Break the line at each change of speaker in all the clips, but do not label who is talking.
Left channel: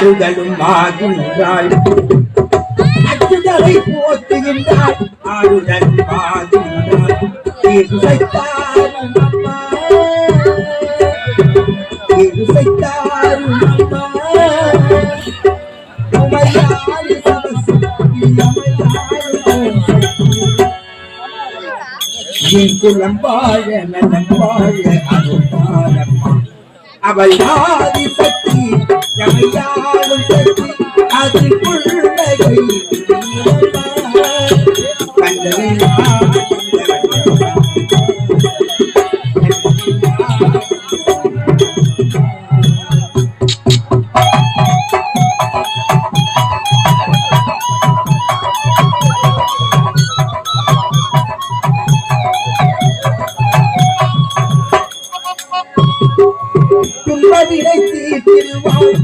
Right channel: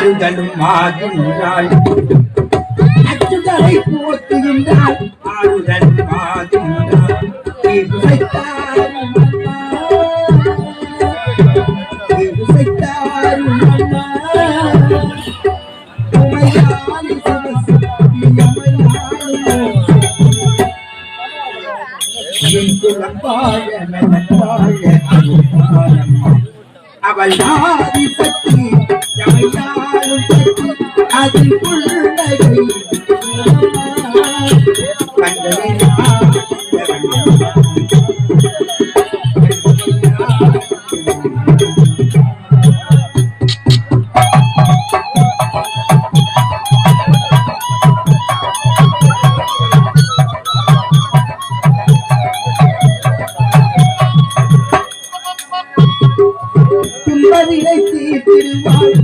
ஆறுதலும் ஆகின்றாள் அச்சுதலை போற்றுகின்றாள். ஆறுதல் ஆகின்றாள் இசைத்தாரும் துன்பவிலை தீர்த்திடுவாள்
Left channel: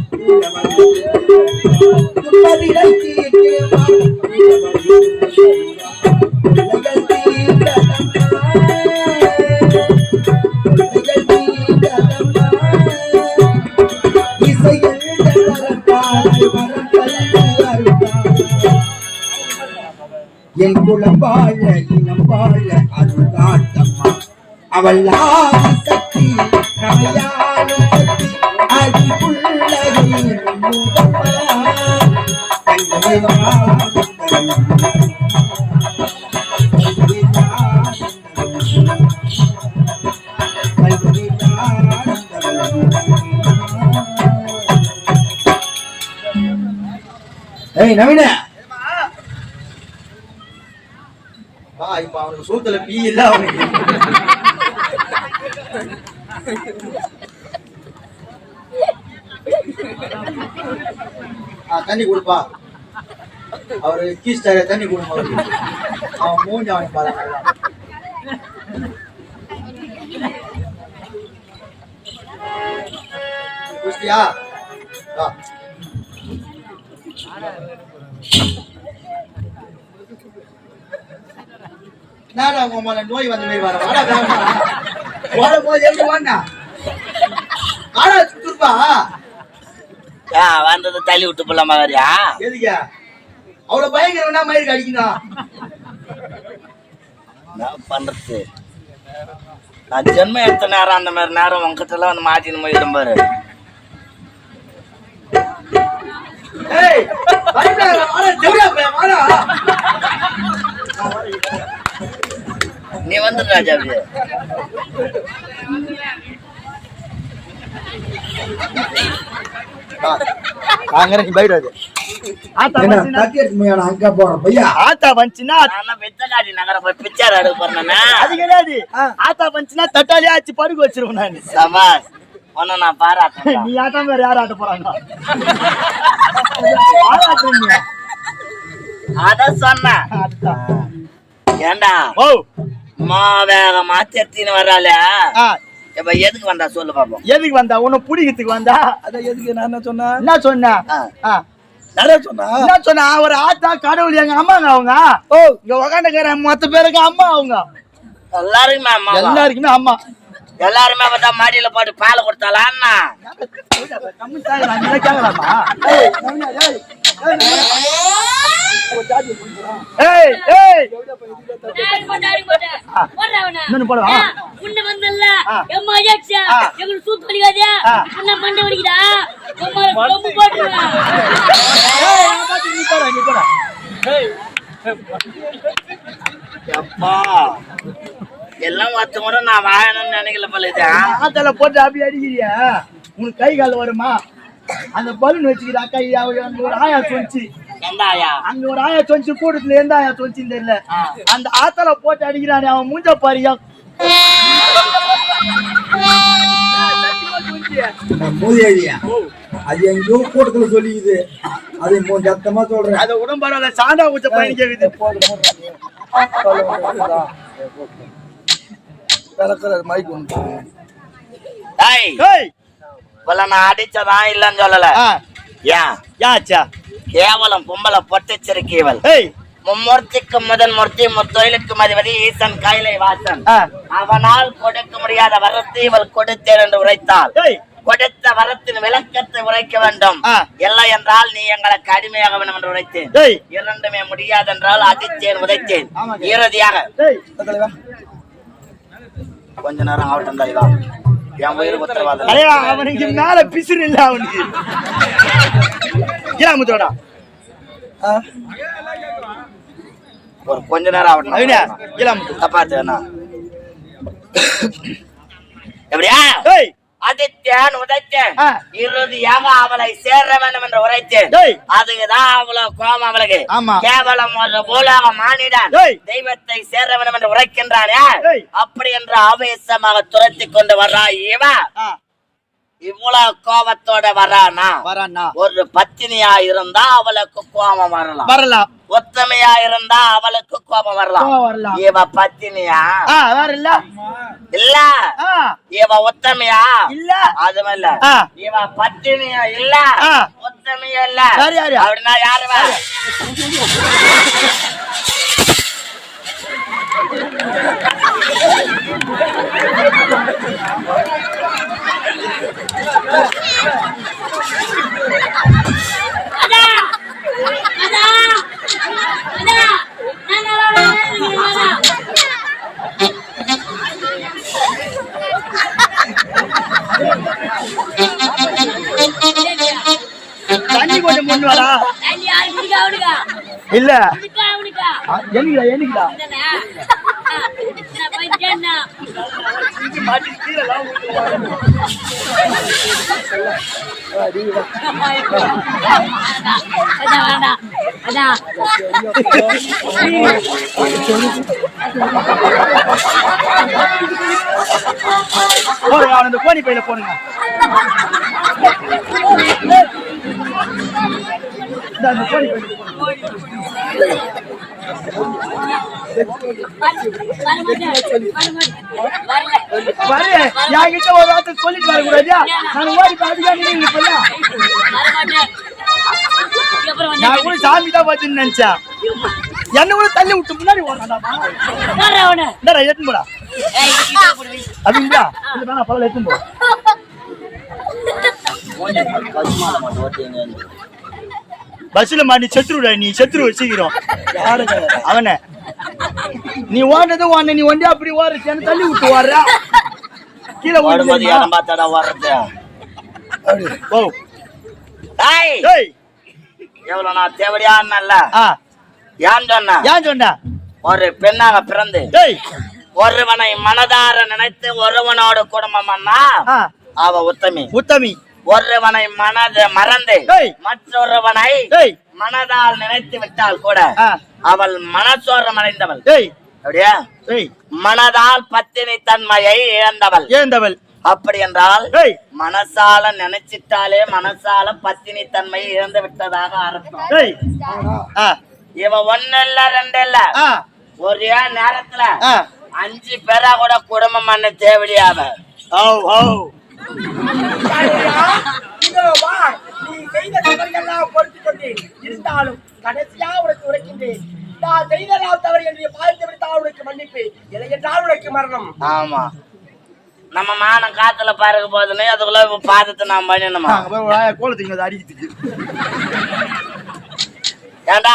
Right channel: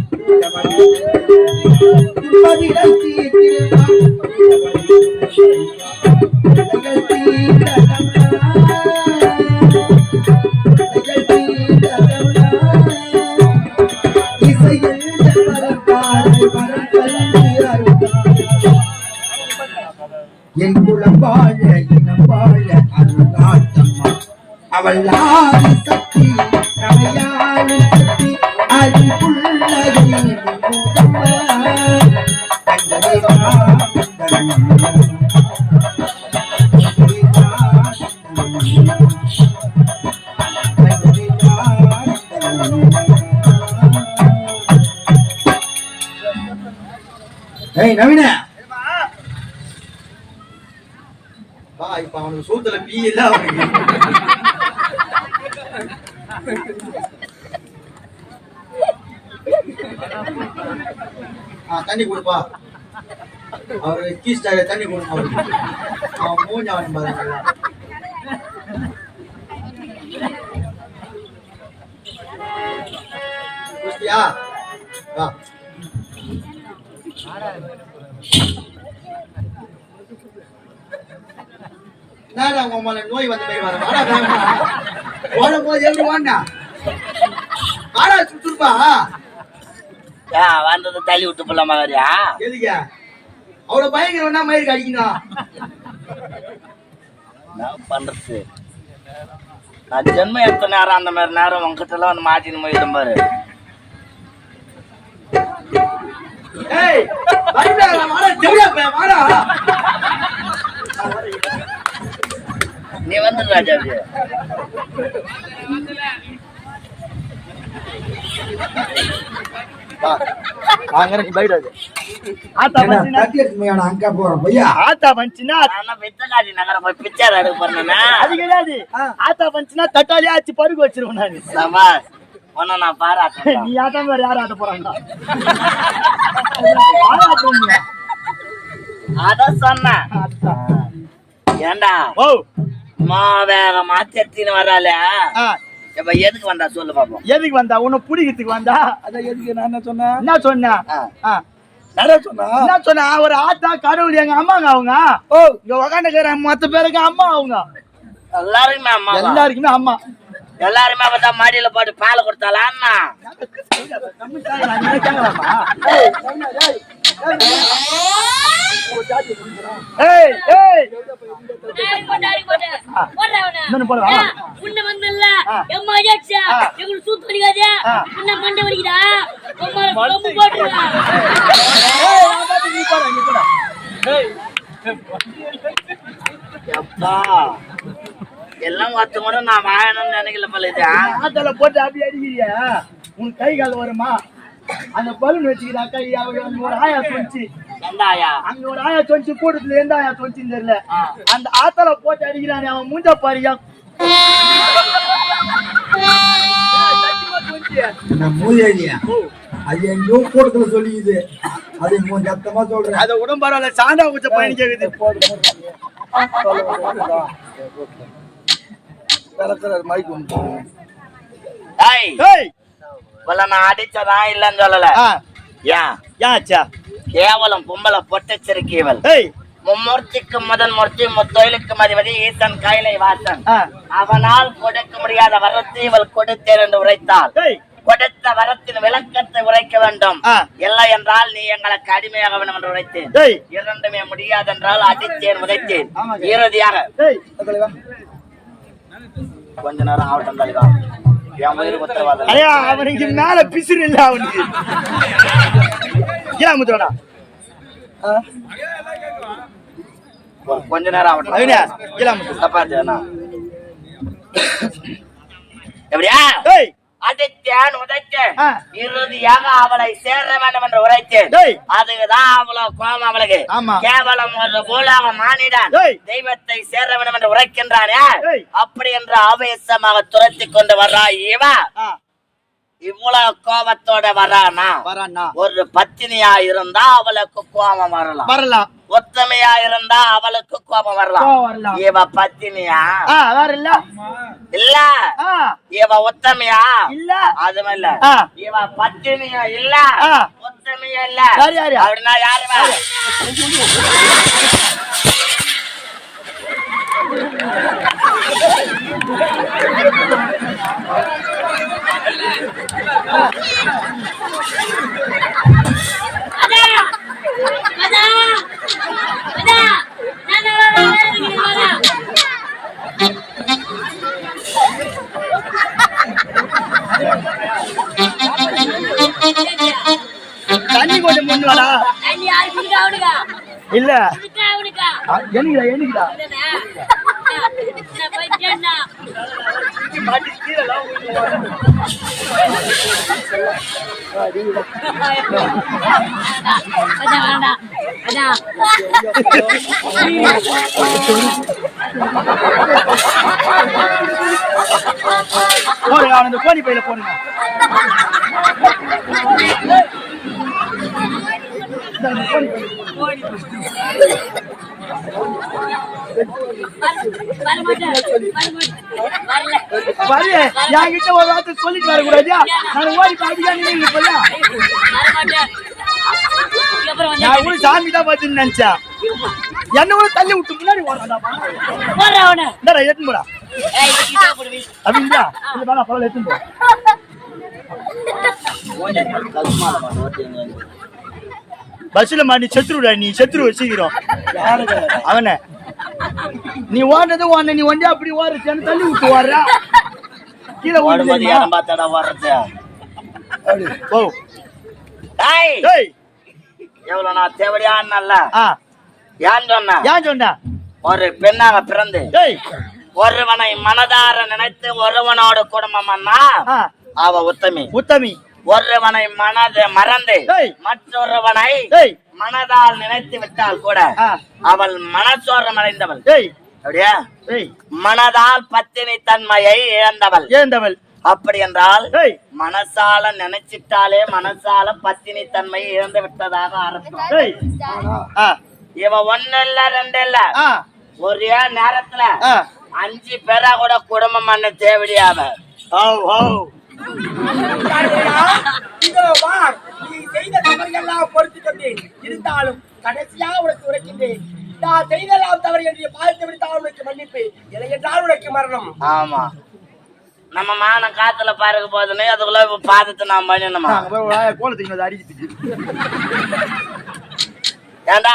ஏய் நவீன. வா இப்ப அவனுக்கு சூத்துல பீ இல்ல அவனுக்கு ஆ, தண்ணி கொடுப்பா. அவரு கீஸ்டாக தண்ணி கொடுப்பா அவருக்கு. அவன் மூஞ்சி அவன் பாருங்க குஸ்தியா வா. என்னடா உங்க மேல நோய் வந்த மாதிரி வர? வாடா வேகமா ஓடும் போது எப்படி வாண்ணா? ஆடா சுத்துப்பா.
வந்தது தள்ளி விட்டு போலாமா வரியா?
எதுக்கு? அவ்வளவு பயங்கரம்னா மயிருக்கு அடிக்கணும்
என்ன பண்றது? நான் ஜென்மம் எடுத்த நேரம் அந்த மாதிரி நேரம் உங்ககிட்ட எல்லாம் வந்து மாட்டின்னு போயிடும் பாரு. நீ வந்து ராஜா அப்படியே.
வாங்குற நீ போயிடாது ஆத்தா வந்துச்சுன்னா
தக்கெட் மேல போய்
அது ஆத்தா நான் நீ ஆட்டம் வேற யார் ஆட்ட போறாங்க
அத சொன்ன ஏண்டா
ஓ
வேகமா தெத்தின்னு வர்றாளே இப்ப எதுக்கு வந்தா சொல்லு பாப்போம்.
எதுக்கு வந்தா? உன்னை பிடிக்கிறதுக்கு வந்தா?
அதான் எதுக்கு? நான் என்ன சொன்னேன்?
என்ன சொன்ன?
ஆ.
ஆ,
நிறைய சொன்னா
என்ன சொன்ன? ஒரு ஆத்தா கடவுள் எங்க அம்மாங்க அவங்க? ஓ இங்க உக்காந்துக்கிற மொத்த பேருக்கு அம்மா அவங்க.
எல்லாருமே அம்மா
எல்லாருக்குமே அம்மா.
எல்லாருமே பார்த்தா மாடியில போட்டு பால்
போடவா?
உன்னை வந்தல்ல. எம்மா ஐயாச்சா எங்களுக்கு சூத்து வலிக்காதே என்ன மண்டை வலிக்குதா? உம்மா ரொம்ப போட்டுருவேன்
ஏய், நான் பார்த்து நீ போடா, நீ போடா. ஏய்,
அப்பா எல்லாம் ஒருத்த கூட நான் வாழணும்னு நினைக்கல பழுது
ஆத்தால போட்டு அப்படி அடிக்கிறியா? உனக்கு கை கால் வருமா? அந்த பலூன் வச்சுக்கிற அக்கா அவ- அங்க ஒரு ஆயா
ஆயா?
அங்க ஒரு ஆயா சொன்னிச்சு கூட்டத்துல எந்த ஆயா சொன்னிச்சுன்னு தெரியல. அந்த ஆத்தால போட்டு அடிக்கிறானே அவன் மூஞ்ச பாரியா.
அது எங்கேயோ கூட்டத்துல சொல்லிக்குது. அது சத்தமா சொல்றேன்
அத உடம்பாரால சாண்டா ஊச்ச பண்ணி கேக்குது மைக் ஒன்று
இவள நான் இல்லன்னு சொல்லல.
ஆ.
ஏன்
யாச்சா
கேவலம் பொம்பளை பொட்டச்சரிக்கைவள்
ஏய்.
மும்மூர்த்திக்கு முதல் மூர்த்தி முத்தொழிலுக்கு மதிபதி ஈசன் கைலை வாசன். அவனால் கொடுக்க முடியாத வரத்தை இவள் கொடுத்தேன் என்று உரைத்தாள். கொடுத்த வரத்தின் விளக்கத்தை உரைக்க வேண்டும். இல்லை என்றால் நீ எங்களுக்கு அடிமையாக வேண்டும் என்று உரைத்தேன். இரண்டுமே முடியாதென்றால் அடித்தேன் உதைத்தேன்.
ஆமாங்க.
இறுதியாக. கொஞ்ச நேரம் ஆகட்டும் தலைவா என் உயிர் உத்தரவாதம்
அடையா அவனுக்கு மேல பிசுறு இல்ல அவனுக்கு ஏன் முத்தோடா
ஒரு கொஞ்ச நேரம் ஆகட்டும்.
முத்து
தப்பாத்து வேணா எப்படியா? அதித்யன் உதைத்தேன். இறுதியாக அவளை சேர வேண்டும் என்று உரைத்தேன்.
டேய்.
அதுக்குதான் அவ்வளவு கோபம் அவளுக்கு. கேவலம் ஒரு பூலாக மானிடான். தெய்வத்தை சேர வேண்டும் என்று உரைக்கின்றானே. அப்படி என்று ஆவேசமாக துரத்தி கொண்டு வர்றா இவ. இவ்வளவு கோபத்தோட வரானா ஒரு பத்தினியா இருந்தா அவளுக்கு கோபம் வரலாம்.
வரலாம்.
ஒத்தமையா இருந்தா அவளுக்கு கோபம் வரலாம். இவ பத்தினியா?
இல்ல.
இவ ஒத்தமையா?
இல்ல.
அதுவும் இல்ல. இவ பத்தினியா இல்ல. ஒத்தமையா இல்ல? அப்படின்னா யாருவா
அதா அதா அதா நான் வேண்டாம். அதான்.
போடுங்க அவன் அந்த கோணி பையில போடுங்க இந்தா, இந்த கோணி பையில போடுங்க.
வரமாட்டேன். வரமாட்டேன். வரல.
வரல என்கிட்ட ஒரு வார்த்தை சொல்லிட்டு வரக்கூடாதியா நான் ஓடி பாதிக்கா நீங்க இப்ப நான் கூட சாமி தான் என்ன கூட தள்ளி விட்டு முன்னாடி ஓடாடாமா
வர்றேன்
போடா. அப்படிங்களா? பரவாயில்ல போ. பஸ்ல மாட்டி செத்துருடா நீ செத்துருவ சீக்கிரம். அவன நீ ஓடுறது ஓட நீ வண்டி அப்படி என்ன தள்ளி விட்டு ஓடுற? கீழே ஓடுறது ஓ
எவ்வளவு நான் தேவடியான்னல்ல
ஆ.
ஏன் சொன்ன?
ஏன் சொன்ன?
ஒரு பெண்ணாக பிறந்து ஒருவனை மனதார நினைத்து ஒருவனோட குடும்பம்னா அவ உத்தமி.
உத்தமி.
ஒருவனை மனது மறந்து. மற்றொருவனை மனதால் நினைத்து விட்டால் கூட அவள் மனச்சோரம் அடைந்தவள்.
டேய்
அப்படியா?
டேய்
மனதால் பத்தினி தன்மையை இழந்தவள்.
ஏந்தவள்
அப்படி என்றால் மனசால நினைச்சிட்டாலே மனசால பத்தினி தன்மையை இழந்து விட்டதாக அர்த்தம். இவ ஒண்ணு இல்ல ரெண்டு இல்ல. ஒரே நேரத்துல அஞ்சு பேரா கூட குடும்பம் பண்ண
ஓ
இதோ வா நீ செய்த தவறுகள்லாம் பொறுத்து கொண்டேன் இருந்தாலும் கடைசியா உனக்கு உரைக்கின்றேன் நான் செய்தெல்லாம் தவறு என்று பார்த்து விட்டால் உனக்கு மன்னிப்பு இல்லை என்றால் உனக்கு மரணம்
ஆமா. நம்ம மானம் காத்துல பறக்க போதுன்னு அதுக்குள்ள இப்ப பாதத்தை நான் பண்ணணுமா
கோலத்துக்கு
ஏண்டா?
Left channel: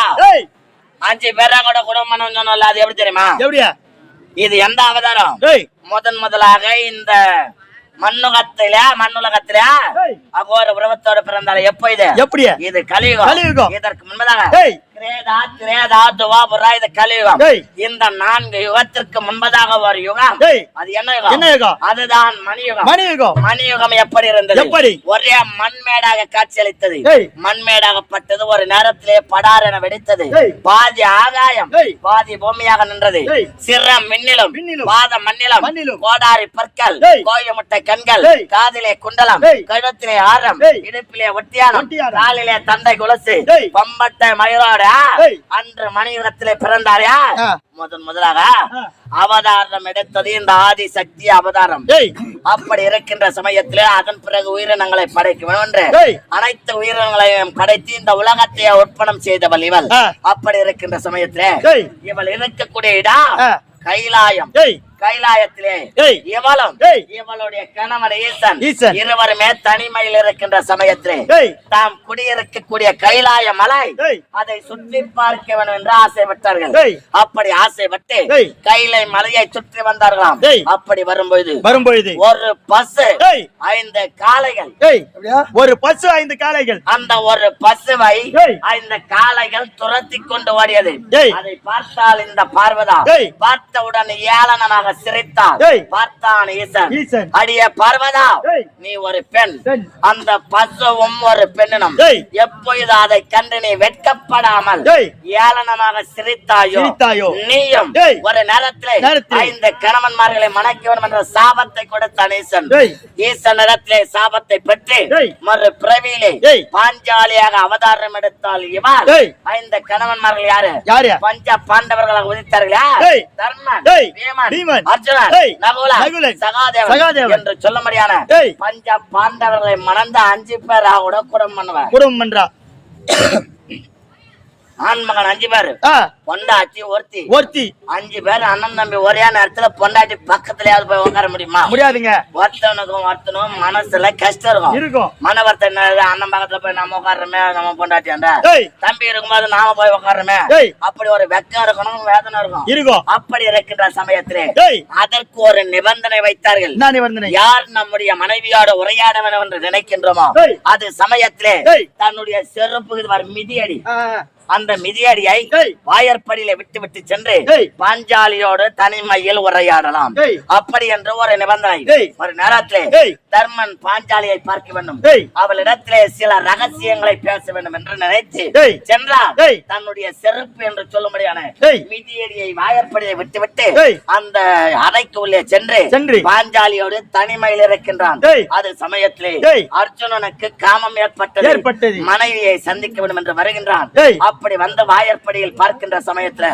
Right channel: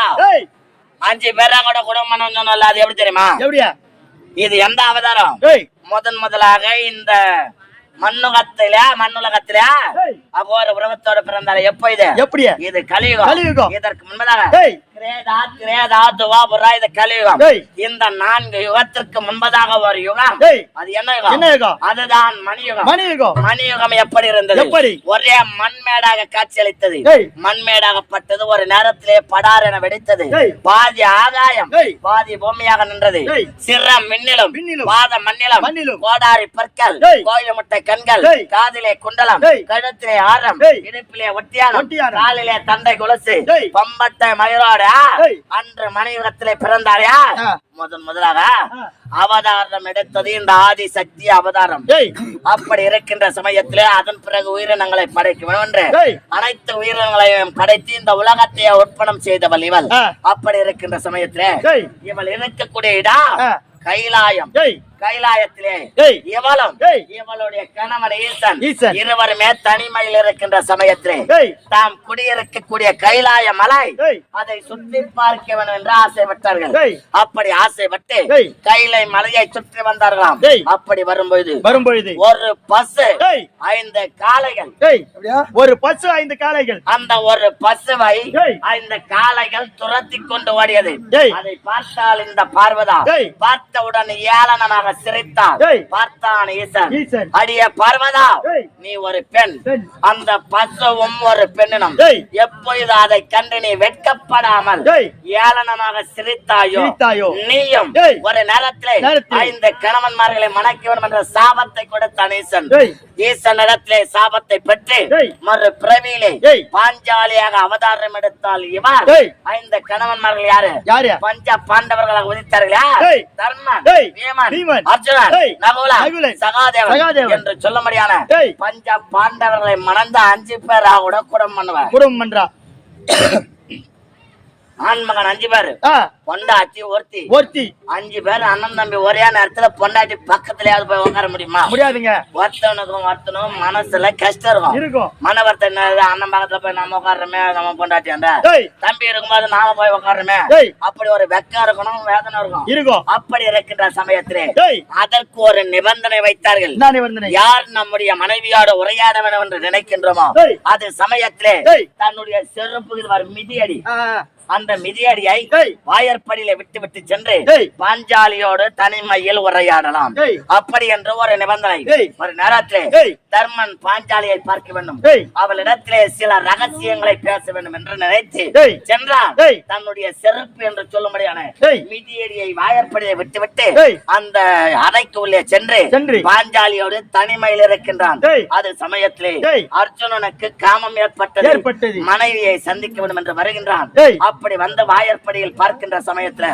அஞ்சு பேரா கூட குடும்பம் சொன்னல அது எப்படி தெரியுமா?
எப்படியா?
இது எந்த அவதாரம்?
டேய்
முதன் முதலாக இந்த மண்ணுகத்தில மண்ணுலகத்தில அகோர உறவத்தோட பிறந்தால எப்போ இது?
எப்படியா?
இது கலியுகம். இதற்கு முன்பதாக
டேய்
கிரேதா திரேதா துவாபுரா இது கலியுகம்
டேய்.
இந்த நான்கு யுகத்திற்கு முன்பதாக ஒரு யுகம் அது என்ன யுகம்? அதுதான் மணியுகம்
மணியுகம்
மணியுகம் எப்படி இருந்தது? ஒரே மண்மேடாக காட்சியளித்தது. மண்மேடாகப்பட்டது ஒரு நேரத்திலே படார் என வெடித்தது. பாதி ஆகாயம். பாதி பூமியாக நின்றது. சிறம் மின்னிலும். பாத மண்ணிலும். கோடாரி பற்கள்
டேய்.
கோயில் முட்டை கண்கள். காதிலே குண்டலம். கழுத்திலே ஆரம். இடுப்பிலே ஒட்டியானம். காலிலே தண்டை குலசு. பம்பட்டை மயிரோட
டேய்.
அன்று மணியுகத்திலே பிறந்தாரா
ஆ.
முதன் முதலாக. அவதாரம் எடுத்தது இந்த ஆதி சக்தி அவதாரம் அப்படி இருக்கின்ற சமயத்திலே அதன் பிறகு உயிரினங்களை படைக்க என்று. அனைத்து உயிரினங்களையும் படைத்து இந்த உலகத்தை உற்பணம் செய்தவள் இவள். அப்படி இருக்கின்ற சமயத்திலே இவள் இருக்கக்கூடிய இடம். கைலாயம் கைலாயத்திலே. இவளும். இவளுடைய கணவன் ஈசன். இருவருமே தனிமையில் இருக்கின்ற சமயத்திலே. தாம் குடியிருக்கக்கூடிய கைலாய மலை. அதை சுற்றி பார்க்க வேண்டும் என்று ஆசைப்பட்டார்கள். அப்படி ஆசைப்பட்டு. கைலை மலையை சுற்றி வந்தார்களாம். அப்படி வரும்பொழுது
வரும்பொழுது
ஒரு பசு
ஏய்.
ஐந்து காளைகள்
ஒரு பசு ஐந்து காளைகள்
அந்த ஒரு பசுவை. இந்த காளைகள் துரத்தி கொண்டு ஓடியது. அதை பார்த்தால் இந்த பார்வதா. பார்த்தவுடன் ஏளனமாக சிரித்தாள்
ஏய்.
பார்த்தான் ஈசன்
ஈசன்.
அடிய பார்வதா. நீ ஒரு பெண். அந்த பசுவும் ஒரு பெண்ணினம். எப்பொழுது அதை கண்டு நீ வெட்கப்படாமல். ஏளனமாக சிரித்தாயோ. நீயும். ஒரு நேரத்திலே. ஐந்து கணவன்மார்களை மணக்க வேண்டும் என்ற சாபத்தை கொடுத்தான் ஈசன்
ஏய்.
ஈசனிடத்திலே சாபத்தை பெற்று. மறு பிறவியிலே. பாஞ்சாலியாக அவதாரம் எடுத்தால் இவர். ஐந்து கணவன்மார்கள் யாரு பஞ்ச பாண்டவர்களாக உதித்தார்களா
ஏய்.
தர்மன் அர்ஜுனன் நகுலன். சகாதேவன். என்று சொல்ல முடியான. பஞ்ச பாண்டவர்களை மணந்த அஞ்சு பேராக கூட குடம் பண்ணுவேன்
குடும்பம் பண்றா
ஆண்மகன் அஞ்சு பேரு. பொண்டாட்டி ஒருத்தி.
ஒருத்தி.
அஞ்சு பேர் அண்ணன் தம்பி ஒரே நேரத்துல பொண்டாட்டி பக்கத்துலயாவது போய் உட்கார முடியுமா?
முடியாதுங்க.
ஒருத்தவனுக்கும் ஒருத்தனும் மனசுல கஷ்டம் இருக்கும்.
இருக்கும்.
அண்ணன் பக்கத்துல போய் நம்ம உட்காடுறோமே நம்ம பொண்டாட்டியாண்ட
ஏய்.
தம்பி இருக்கும்போது நாம போய் உட்காடுறோமே. அப்படி ஒரு வெக்கம் இருக்கணும் வேதனை இருக்கும்.
இருக்கும்.
அப்படி இருக்கின்ற சமயத்திலே. அதற்கு ஒரு நிபந்தனை வைத்தார்கள். யார் நம்முடைய மனைவியோட உரையாட வேண்டும் என்று நினைக்கின்றோமோ. அது சமயத்திலே. தன்னுடைய செருப்புக்கு மிதியடி. அந்த மிதியடியை. வாயற்படியில விட்டு விட்டு சென்று. பாஞ்சாலியோடு தனிமையில் உரையாடலாம். அப்படி என்று ஒரு நிபந்தனை. ஒரு நேரத்திலே. தர்மன் பாஞ்சாலியை பார்க்க வேண்டும். அவளிடத்திலே சில ரகசியங்களை பேச வேண்டும் என்று நினைத்து
ஏய்.
தன்னுடைய செருப்பு என்று சொல்லும்படியான. மிதியடியை வாயற்படியை விட்டுவிட்டு. அந்த அறைக்கு உள்ளே சென்று. பாஞ்சாலியோடு தனிமையில் இருக்கின்றான். அது சமயத்திலே. அர்ஜுனனுக்கு காமம் ஏற்பட்டது. மனைவியை சந்திக்க வேண்டும் என்று வருகின்றான். அப்படி வந்த வாயற்படியில் பார்க்கின்ற சமயத்துல.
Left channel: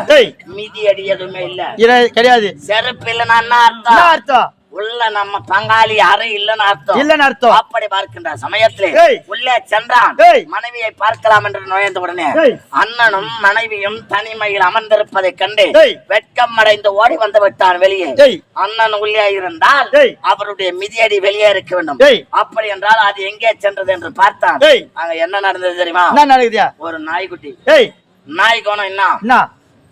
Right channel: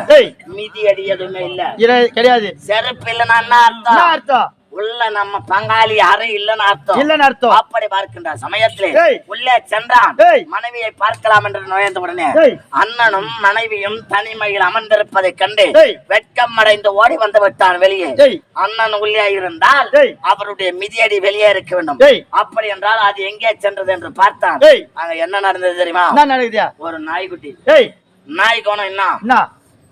மிதி அடி எதுவுமே இல்ல
கிடையாது
செருப்பு இல்லைன்னா அர்த்தம் உள்ள நம்ம பங்காளி அறை இல்லைன்னு அர்த்தம்
இல்லன்னு அர்த்தம்
அப்படி பார்க்கின்ற சமயத்திலே. உள்ளே சென்றான். மனைவியை பார்க்கலாம் என்று நுழைந்த உடனே. அண்ணனும் மனைவியும் தனிமையில் அமர்ந்திருப்பதைக் கண்டு. வெட்கம் அடைந்து ஓடி வந்து விட்டான் வெளியே. அண்ணன் உள்ளே இருந்தால். அவருடைய மிதியடி வெளியே இருக்க வேண்டும். அப்படி என்றால் அது எங்கே சென்றது என்று பார்த்தான். அங்க என்ன நடந்தது தெரியுமா ஒரு நாய்க்குட்டி நாய் கோணம் என்ன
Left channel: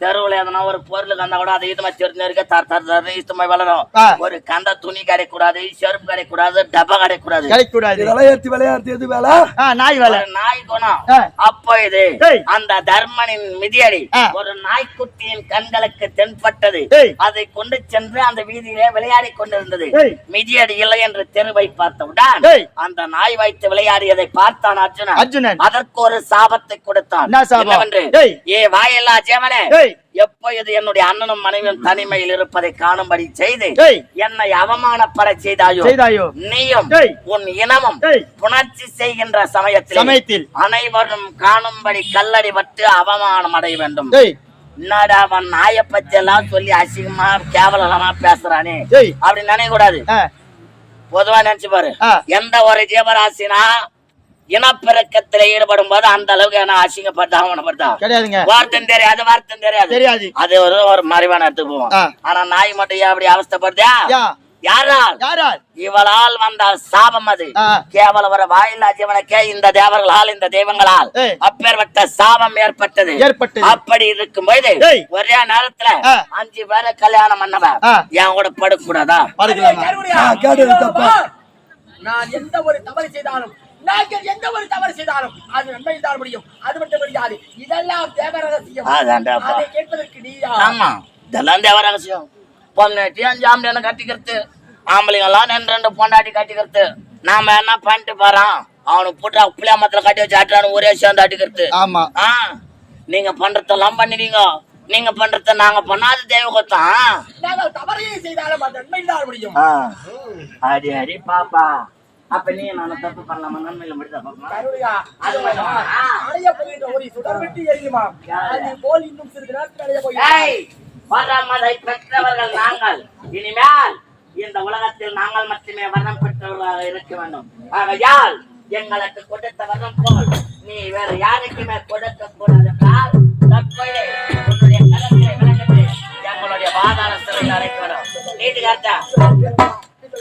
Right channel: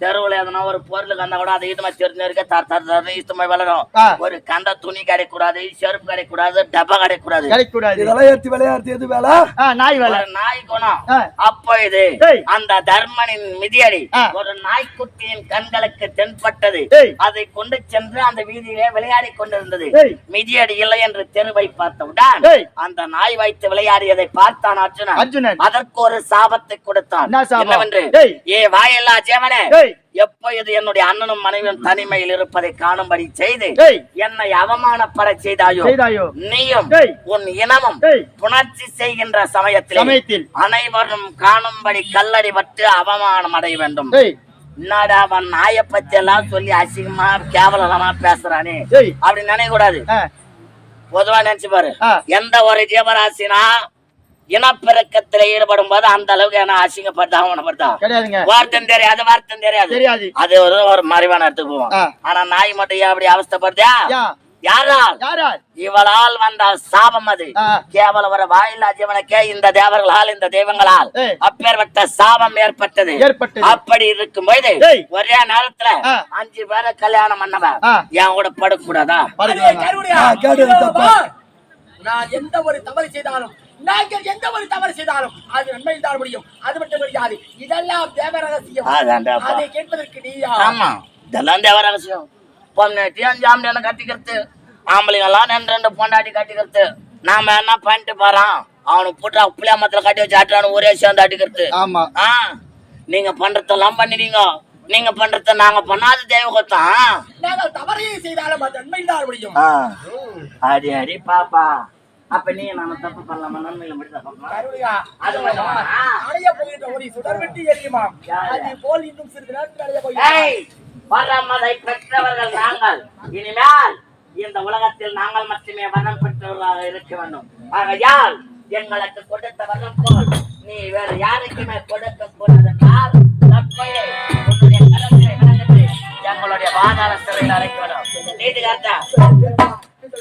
தெருவுல எதனா ஒரு பொருள் கந்தா கூட அதை இதுமா தெரிஞ்சு இருக்க தர தர தர இஷ்டமா வளரும். ஒரு கந்த துணி கிடைக்கூடாது செருப்பு கிடைக்கூடாது டப்பா கிடைக்கூடாது
கிடைக்க கூடாது
இதெல்லாம் விளையாடுறது எது வேலை
ஆ, நாய் வேலை
நாய் குணம். அப்போ இது. அந்த தர்மனின் மிதியடி. ஒரு நாய்க்குட்டியின் கண்களுக்கு தென்பட்டது. அதை கொண்டு சென்று அந்த வீதியிலே விளையாடி கொண்டிருந்தது. மிதியடி இல்லை என்று தெருவை பார்த்தவுடன். அந்த நாய் வைத்து விளையாடியதை பார்த்தான் அர்ஜுனன். அதற்கு ஒரு சாபத்தை கொடுத்தான்? என்னவென்று. ஏ வாயில்லா ஜேவனே
ஏய்.
எப்பொழுது என்னுடைய அண்ணனும் மனைவியும் தனிமையில் இருப்பதை காணும்படி செய்து. என்னை அவமானப்பட செய்தாயோ நீயும். உன் இனமும். புணர்ச்சி செய்கின்ற சமயத்தில். அனைவரும் காணும்படி கல்லடி பட்டு அவமானம் அடைய வேண்டும் என்னடா அவன் நாயை பத்தி எல்லாம் சொல்லி அசிங்கமா கேவலமா பேசுறானே
ஏய்
அப்படி நினைக்க கூடாது பொதுவா நினைச்சு பாரு. எந்த ஒரு ஜீவராசினா இனப்பெருக்கத்துல ஈடுபடும் போது அந்த அளவுக்கு என்ன அசிங்கப்பட்டா வார்த்தம் தெரியாது வார்த்தம் தெரியாது
தெரியாது
அது ஒரு ஒரு மறைவான இடத்துக்கு போவோம். ஆனா நாய் மட்டும் ஏன் அப்படி அவஸ்தைப்படுதா யாரால்
யாரா
இவளால் வந்த சாபம் அது
ஆ.
கேவலம் ஒரு வாயில்லா ஜீவனுக்கே இந்த தேவர்களால் இந்த தெய்வங்களால். அப்பேற்பட்ட சாபம் ஏற்பட்டது
ஏற்பட்டது.
அப்படி இருக்கும் போது. ஒரே நேரத்துல. அஞ்சு பேரை கல்யாணம் பண்ணவன்
ஆ.
என் கூட படுக்கூடாதா.
நான் எந்த ஒரு தவறு செய்தாலும் நாங்கள் எந்த ஒரு தவறு செய்தாலும் அது நன்மை தான் முடியும். அது மட்டும் முடியாது இதெல்லாம் தேவ ரகசியம்
அதான்டாப்பா.
அதை கேட்பதற்கு நீ யார்?
ஆமா. இதெல்லாம் தேவ ரகசியம் பொண்ணாட்டி அஞ்சு ஆம்பளை கட்டிக்கிறது. ஆம்பளைங்க எல்லாம் ரெண்டு ரெண்டு பொண்டாட்டி கட்டிக்கிறது. நாம என்ன பண்ணிட்டு போறோம்? அவனுக்கு புட்டா புளியாமத்துல கட்டி வச்சு ஆட்டுறானு ஒரே சேர்ந்து அடிக்கிறது
ஆமா.
ஆ? நீங்க பண்றதெல்லாம் பண்ணிடுங்க நீங்க பண்றத நாங்க பண்ணாத தெய்வகத்தான் அடி அடி பாப்பா. அப்ப நீ நாம தப்பு பண்ணலாமா? நன்மையில மட்டும்?
அடைய போகின்ற ஒளி சுடர் விட்டு எரியுமா?
யாரு?
அது போல் இன்னும் சிறிது நேரத்தில் அடைய போகிறோம்
ஏய் வரமதை பெற்றவர்கள் நாங்கள். இனிமேல் இந்த உலகத்தில் நாங்கள் மட்டுமே வரம் பெற்றவர்களாக இருக்க வேண்டும். ஆகையால் எங்களுக்கு கொடுத்த வரம் போல் நீ வேற யாருக்குமே கொடுக்க கூடாது என்றால் உன்னுடைய கடமையை விளங்குது எங்களுடைய பாதாள சிறையில் அடைக்க வேண்டும் நீட்டு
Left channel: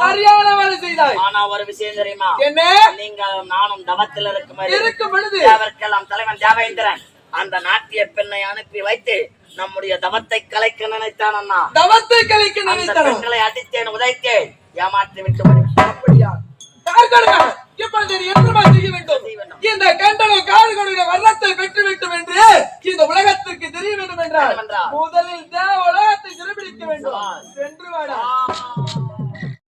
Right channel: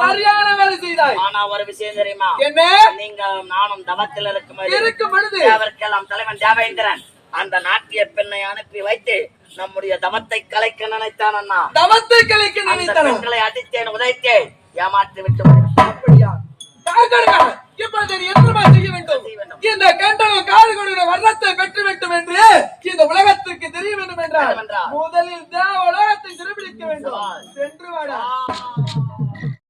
சரியான வேலை செய்தாய்.
ஆனா ஒரு விஷயம் தெரியுமா?
என்ன?
நீங்களும் நானும் தவத்தில் இருக்கும்
இருக்கும் பொழுது
தேவர்க்கெல்லாம் தலைவன் தேவேந்திரன். அந்த நாட்டிய பெண்ணை அனுப்பி வைத்து நம்முடைய தவத்தை கலைக்க நினைத்தான் அண்ணா.
தவத்தை கலைக்க
அந்த
நினைத்தனும்
பெண்களை அடித்தேன் உதைத்தேன் ஏமாற்றி விட்டு.
அப்படியா? இப்பொழுது என்னமா செய்ய வேண்டும். இந்த வர்ணத்தை பெற்று வேண்டும் என்று இந்த உலகத்திற்கு தெரிய வேண்டும் என்றால். முதலில் தேவ உலகத்தை சிறுபிடிக்க வேண்டும். சென்று வாடா.